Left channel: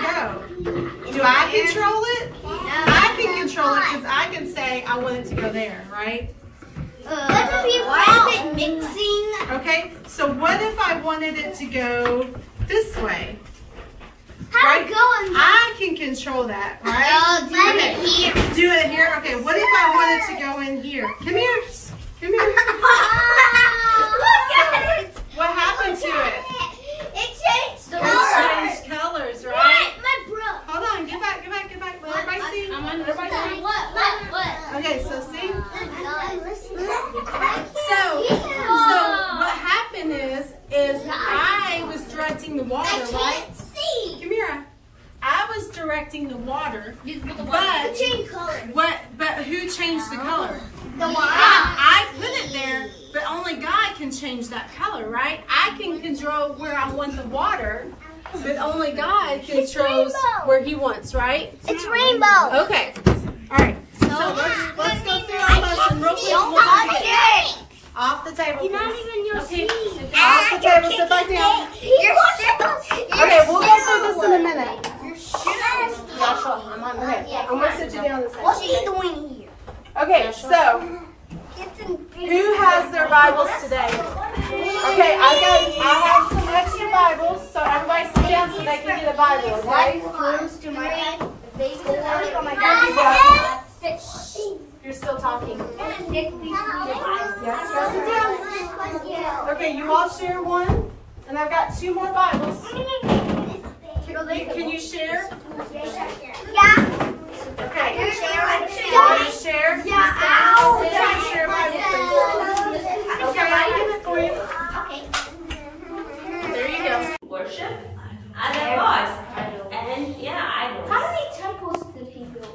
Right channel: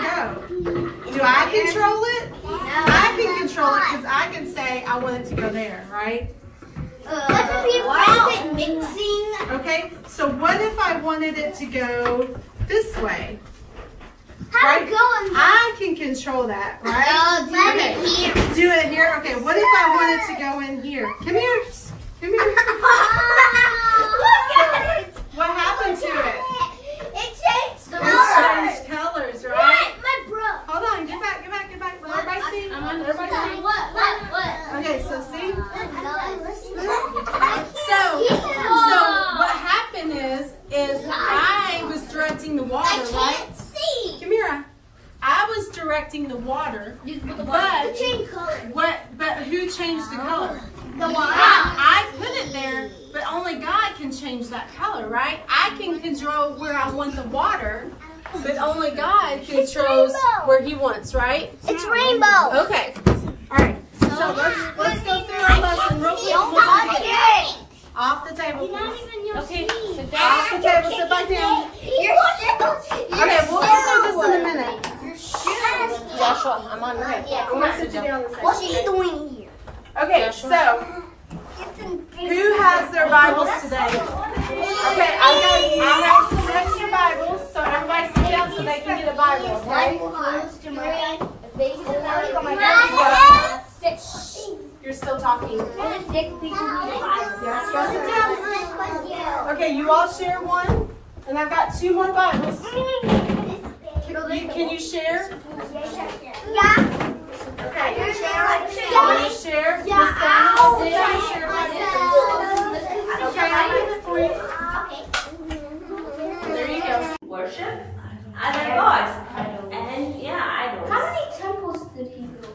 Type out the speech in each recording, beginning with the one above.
go? Do I control it? I can control it because I can say I want it to go there, right? Why is it mixing? Okay, so what if I wanted it to go this way? How it going? I can control that, right? Do it here. Do it here? Okay, what if I wanted to go in here? Come here. Come here. Look at it. What happened to it? It changed It colors. changed colors, right? My bro. Hold on, get back. Let everybody see. Let everybody see. What? Okay, so see? So what happened is I was directing the water, right? See. Come here. I was directing the water, But change color. but who changed the color? The water. I put it there, but only God can change that color, right? I can control where I want the water, but only God controls where He wants, right? It's rainbow. Okay. All right. So let's go through our lesson real quick. Off the table. You're not even your Okay. seat. Off the table. Sit back down. You're still. Okay, we'll go through this in a minute. You're still. Joshua, I'm on the way. I'm gonna sit you down this side. What's he doing here? Okay, so who has their Bibles today? Okay, I have some extra Bibles, so everybody sit down so they can get a Bible, okay? You're still talking. Yes, go sit down. Okay, you all share one, and I've got 2 more Bibles. Can you share? Yeah. Okay. Can You share? Yeah, I'll share Bible. Okay, I'll read it for you. There you go. Worship other gods. And yeah, idols. How many temples did he build?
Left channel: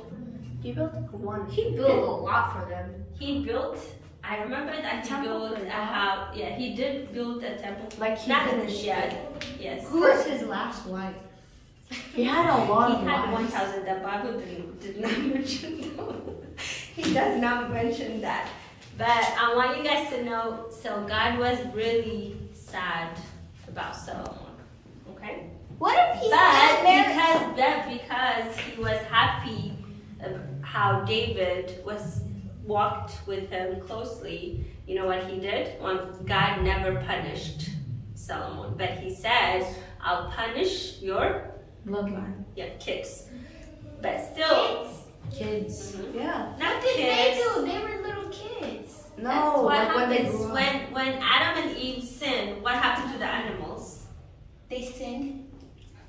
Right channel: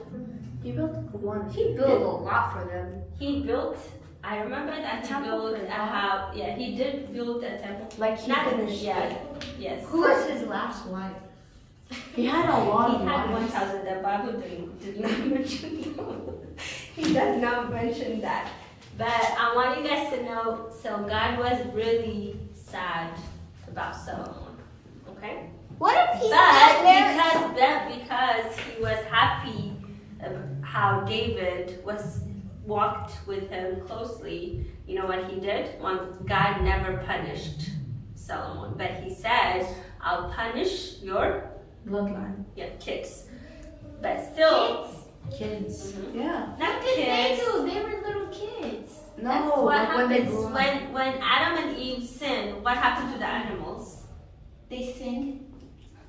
He built one. He built a lot for them. He built, I remember that he built a house. Yeah, he did build a temple. Like he Not finished yet. Yes. Who was his last wife? He had a lot He of had wives. 1,000. The Bible did not mention that. He does not mention that. But I want you guys to know, so God was really sad about Solomon. Okay? What if he's But because he was happy how David walked with him closely, you know what he did? God never punished Solomon, but he says, I'll punish your Bloodline. kids. But still, Kids. Yeah. not kids. They were little kids. That's No, what like when they happens grew up. when Adam and Eve sinned. What happened to the animals? They sinned.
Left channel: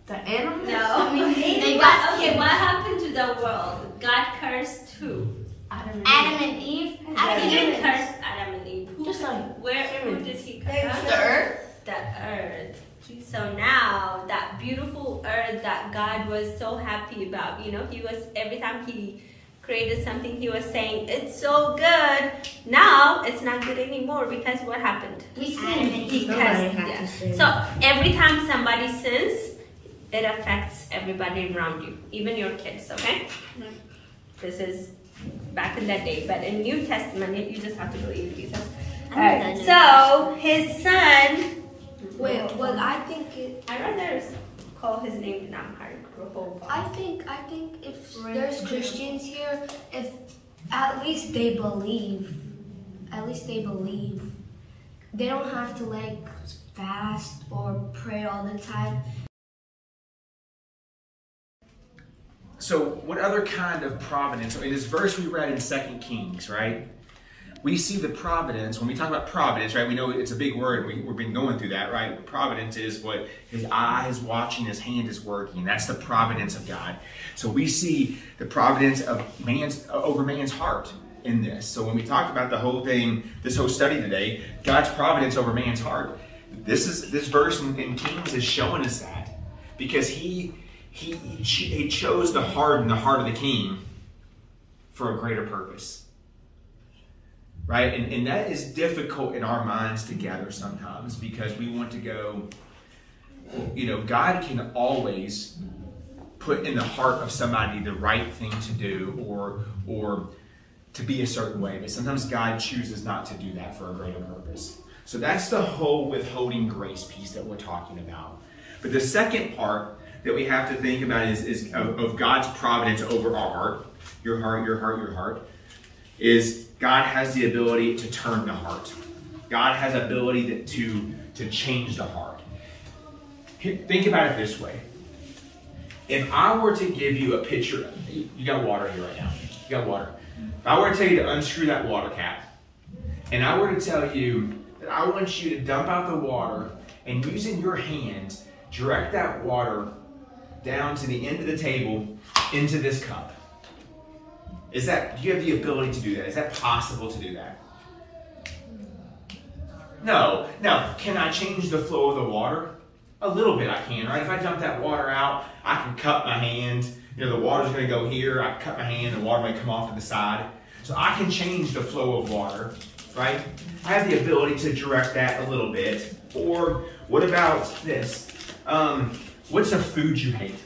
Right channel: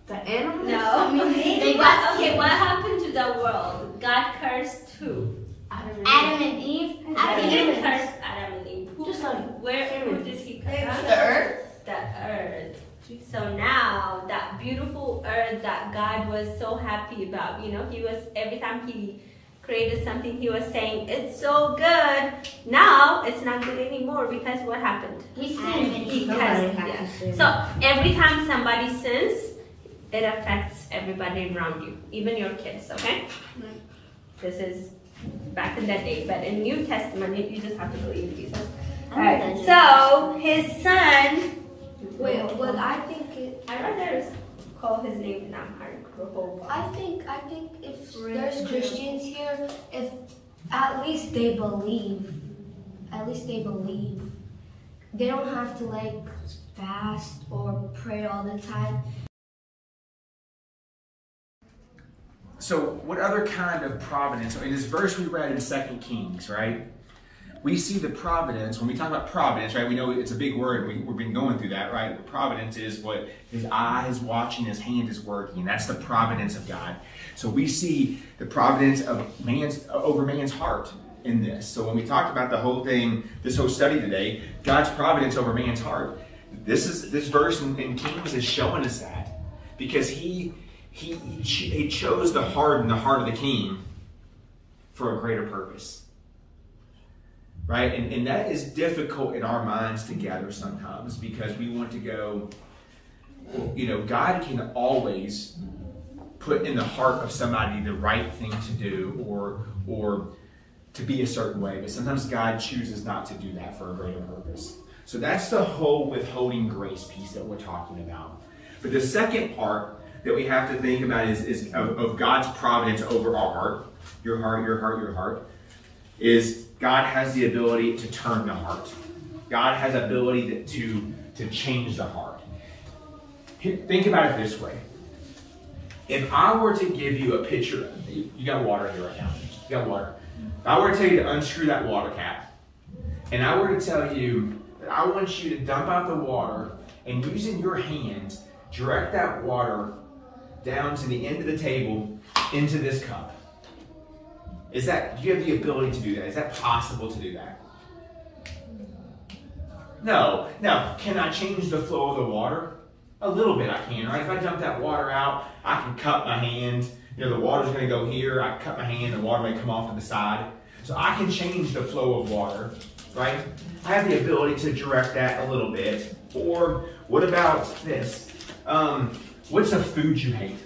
The animals? No. They got okay, what happened to the world? God cursed who? Adam and Eve? He didn't curse Adam and Eve. Just like Who did he curse? the earth. The earth. So now that beautiful earth that God was so happy about, you know, he was, every time he created something, he was saying, it's so good. Now it's not good anymore because what happened? We sinned. Because, So every time somebody sins, it affects everybody around you, even your kids, okay? This is back in that day, but in New Testament, you just have to believe Jesus. Alright, so his son, Wait, well, I think I'd rather call his name in Amharic, Rehoboam. I think if there's Christians here, if at least they believe, they don't have to like fast or pray all the time. So what other kind of providence? In this verse we read in 2 Kings, right? We see the providence, when we talk about providence, right? We know it's a big word. We've been going through that, right? Providence is what his eye is watching, his hand is working. That's the providence of God. So we see the providence of over man's heart in this. So when we talked about the whole thing, this whole study today, God's providence over man's heart. This verse in Kings is showing us that because he chose to harden the heart of the king for a greater purpose. Right? And that is difficult in our minds to gather sometimes because we want to go, you know, God can always put in the heart of somebody the right thing to do or to be a certain way. But sometimes God chooses not to do that for a greater purpose. So that's the whole withholding grace piece that we're talking about. But the second part that we have to think about is of God's providence over our heart, your heart, is God has the ability to turn the heart. God has the ability to change the heart. Think about it this way. If I were to give you a picture, you got water here right now. You got water. If I were to tell you to unscrew that water cap, and I were to tell you that I want you to dump out the water and using your hand, direct that water down to the end of the table into this cup. Do you have the ability to do that? Is that possible to do that? No. Now, can I change the flow of the water? A little bit I can, right? If I dump that water out, I can cut my hand. The water's going to go here. I cut my hand, the water may come off to the side. So I can change the flow of water, right? I have the ability to direct that a little bit. Or what about this? What's a food you hate?